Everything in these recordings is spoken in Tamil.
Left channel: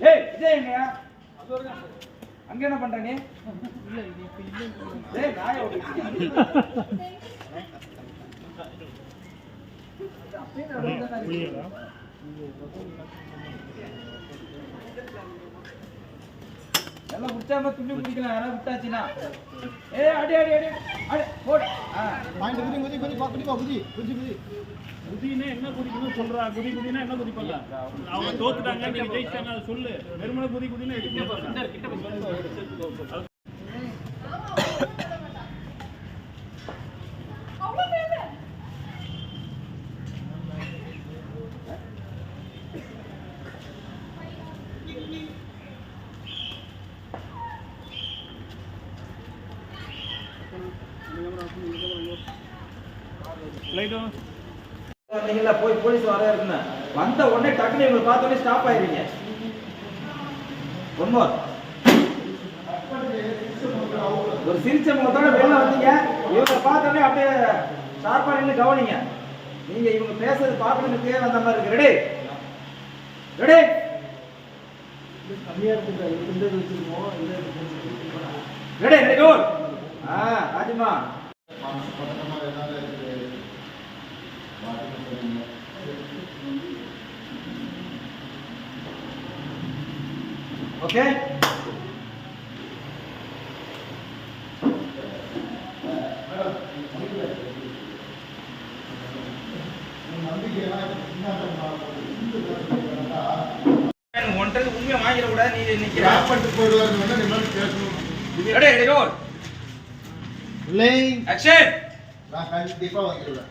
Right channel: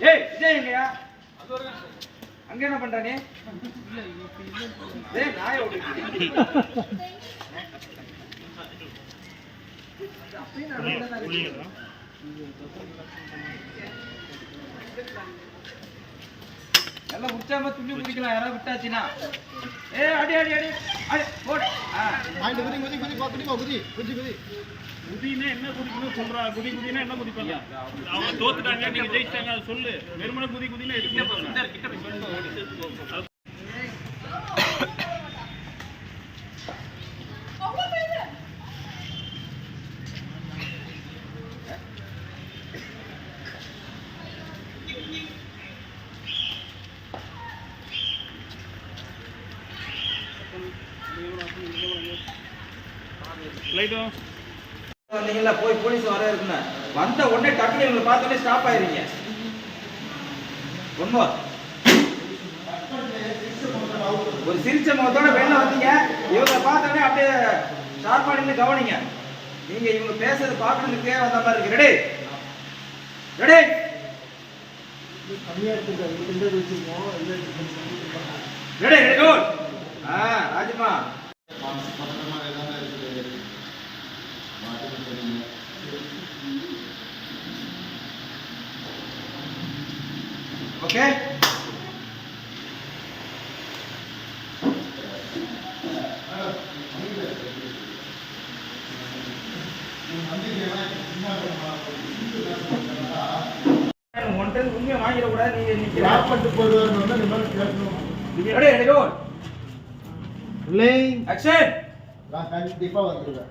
ஏய் விஜய் எங்கயா அங்க என்ன பண்ற நீ டேய் நாயை ஓடிட்டு எல்லாம் உற்சாகமா துணி குடிக்கலாம் யாராவது விட்டாச்சுன்னா ஏ அடி அடி அடி அடி போடு பாயிண்ட் குதி குதி குதி பாத்துட்டு குதி குதி குதி குதினா என்ன குதிக்கணும் சொல்றா குதி குதினா என்ன குதிப்பங்க அவங்க தோத்துட்டாங்க நீங்க ஜெயிச்சாங்க அது சொல்லு வெறுமனே குதி குதினா எதுக்கு கிட்ட நீங்களா போய் போலீஸ் வர இருக்குங்க வந்த உடனே டக்குனு இவங்களை பார்த்தோன்னே ஸ்டாப் ஆயிருவீங்க ஒன் மோர் ஒரு சிரிச்ச முகத்தோட வெளில வந்தீங்க இவங்களை பார்த்தோன்னே அப்படியே ஷார்ப்பா நின்று கவனிங்க நீங்க இவங்க பேசுறது பார்க்கணும்னு பேர் வந்த மாதிரி இருக்கு ready ready ready ready go ராஜமா ஓகே ஒன்றது உண்மையை வாங்கிட கூடாது நீ இன்னைக்கு ராப்பட்டு போடுவாருன்னு நீ மாதிரி பேசணும் ready ready role rolling action நான் கண்டிப்பா வந்துடுவேன்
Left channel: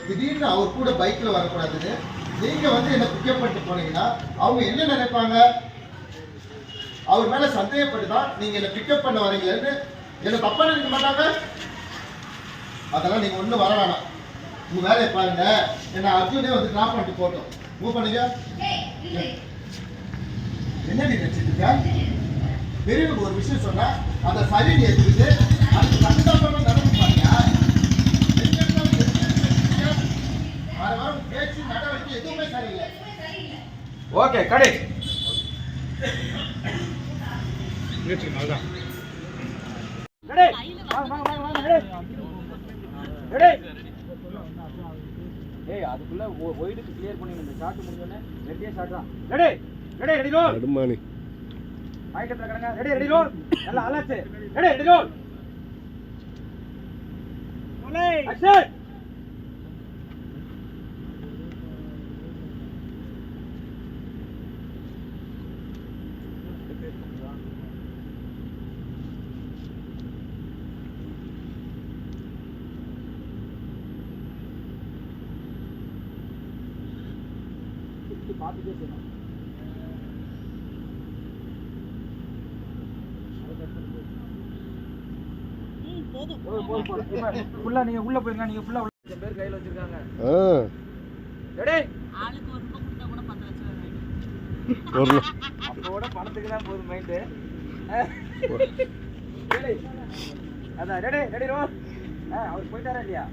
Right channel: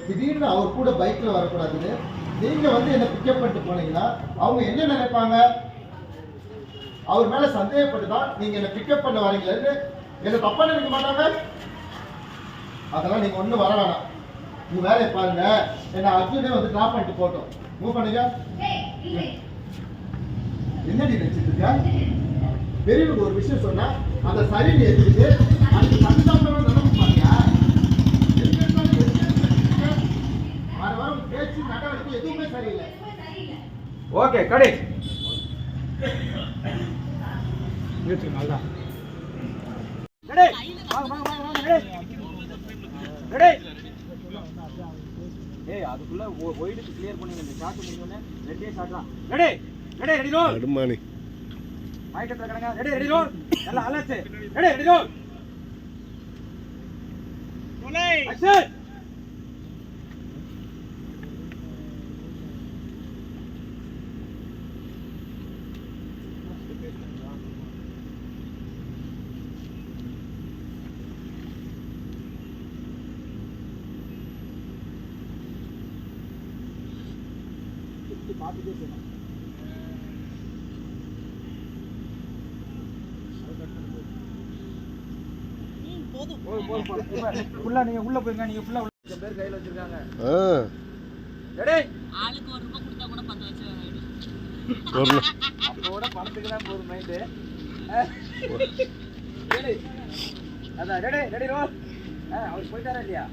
திடீர்னு அவர் கூட பைக்ல வரக்கூடாதுன்னு நீங்க வந்து என்ன பிக்கப் பண்ணிட்டு போனீங்கன்னா அவங்க என்ன நினைப்பாங்க அவர் மேல சந்தேகப்பட்டுதான் நீங்க என்ன பிக்கப் பண்ண வரீங்கன்னு என்ன தப்பா நினைக்க மாட்டாங்க அதெல்லாம் நீங்க ஒண்ணு வர வேணாம் உங்க வேலையை பாருங்க என்ன அர்ஜுனே வந்து டிராப் பண்ணிட்டு போட்டோம் மூவ் பண்ணுங்க என்னடி நினைச்சிட்டு இருக்க பெரியவங்க ஒரு விஷயம் சொன்னா அந்த சரின்னு எடுத்துக்கிட்டு அதுக்கு சட்டமா நடந்துப்பாங்க பேச்சு நடவடிக்கை எதுவுமே சரியில்லை ஓகே கடை அதுக்குள்ள ஒயிடுக்கு கிளியர் பண்ணி இந்த ஷாட் முடிஞ்சோடனே ரெண்டே ஷாட் தான் ரெடி ரெடி ரெடி ரோல் அடுமானி மைக் எடுத்துக்கங்க ரெடி ரெடி ரோல் நல்லா அலர்ட் ரெடி ரெடி ரோல் ரோலே ஆக்ஷன் ஃபுல்லா நீங்க உள்ள போயிருங்க நீங்க ஃபுல்லா உள்ள பேர் கையில வச்சிருக்காங்க ரெடி ஆளுக்கு 1 ரூபாய் கொடுத்தா கூட 10 லட்சம் ஆயிடும் அப்போட பணத்துக்கு தான் போற மைண்ட் ரெடி அதான் ரெடி ரெடி ரோல் அவர் போயிட்டாரா இல்லையா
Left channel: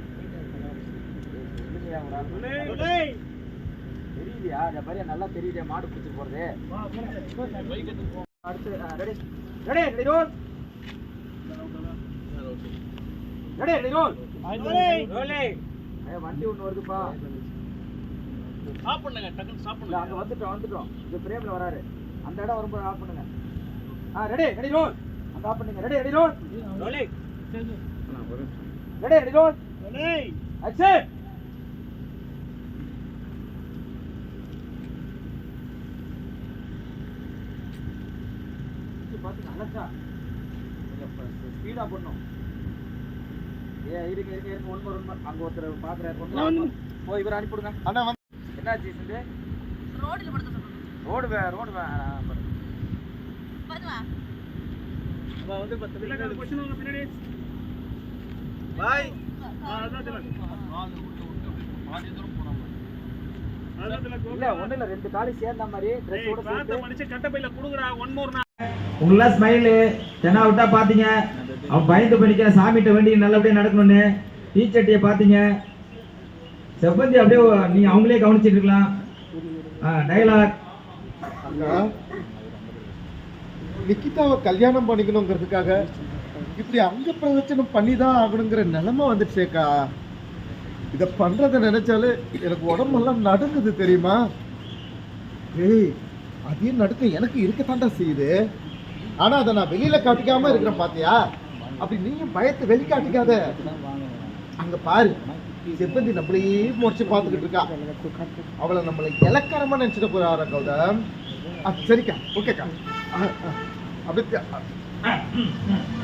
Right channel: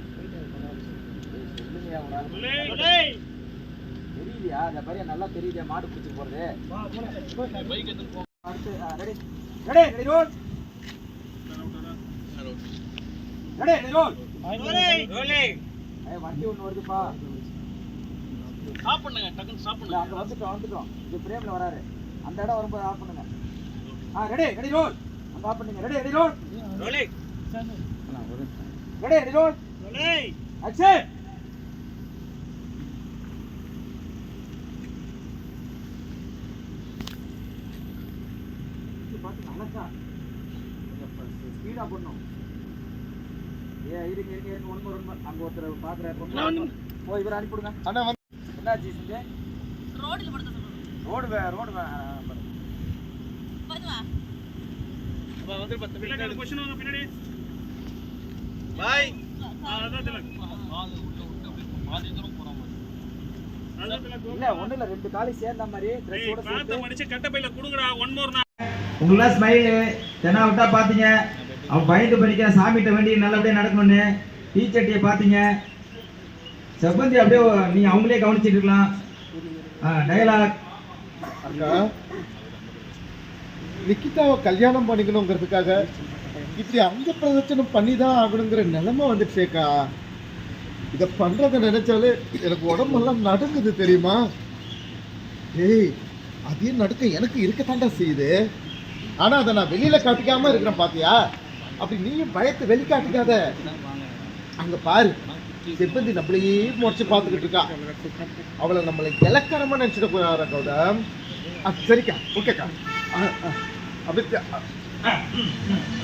தெரியலையா அந்த பைய நல்லா தெரியுதே மாடு பிடிச்சி போறது பைக் எடுத்து போ அடுத்து ready ready ready roll ready ready roll ரோலே வண்டி ஒன்னு வருதுப்பா ஸ்டாப் பண்ணுங்க டக்குன்னு ஸ்டாப் பண்ணுங்க அங்க வந்துட்டோம் இந்த பிரேம்ல வராரு அந்த இடம் வரும்போது ஆஃப் பண்ணுங்க ரெடி ரெடி ரோல் அங்க ஆஃப் பண்ணுங்க ரெடி ரெடி ரோல் ரோலே ரெடி ரெடி ரோல் ரோலே ஆக்ஷன் ஸ்பீடா பண்ணும் இருங்க ஒன் மோர் அங்க ஒருத்தர் பாக்குறாரு போய் இவரை அனுப்பிடுங்க அண்ணா என்னாச்சு இது ரோட்ல படுத்த சொல்லுங்க ரோடு படுவா அப்ப வந்து 10 மினிட் क्वेश्चन வாங்க பின்னாடி பாய் கால் உள்ள விட்டு அப்படியே பாதி தூரம் போற மாதிரி இல்ல ஒண்ணு இல்ல ரெண்டு காலி சேர்ந்த மாதிரி Dress-ஓட சேர்த்து மடிச்சு கட்ட பையில குடுங்கடா ஒன் மோர் உங்களா ஸ்மைல் தெனா விட்டா பாத்தீங்க அவன் பயந்து படிக்கிற சாமிட்ட வேண்டி நல்லபடியா நடக்கணும்னு டீச்சர்ட்டியை பாத்தீங்க செவ்வந்தி அப்படியே நீ அவங்களே கவனிச்சிட்டு இருக்கலாம். டயலாக். அக்கா, நிக்கிதாவை கல்யாணம் பண்ணிக்கணுங்கிறதுக்காக இப்படி அங்க பிரதட்சணம் பண்ணி தான் ஆகணுங்கிற நிலைமை வந்துடுச்சேக்கா. இதை பண்றதை நினைச்சாலே எனக்கு உடம்பெல்லாம் நடுங்குது தெரியுமா? ஏய், அதே நடுக்கம் எனக்கு இருக்கத்தாண்டா செய்யுது. ஆனா அதை நான் வெளியில காட்டிக்காம இருக்கிறேன் பாத்தியா? அப்படி நீயும் பயத்தை வெளிக்காட்டிக்காத. அங்க பாரு, செவ்வந்தி நம்மளையே முடிச்சு பார்த்துக்கிட்டு இருக்கா. அவளை நம்மளை இலக்கணமா நினைச்சிட போறாரா கௌதம்? சரிக்கா, ஓகேக்கா. அப்படியே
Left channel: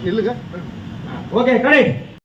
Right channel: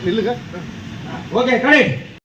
இல்லைங்க. Okay, correct.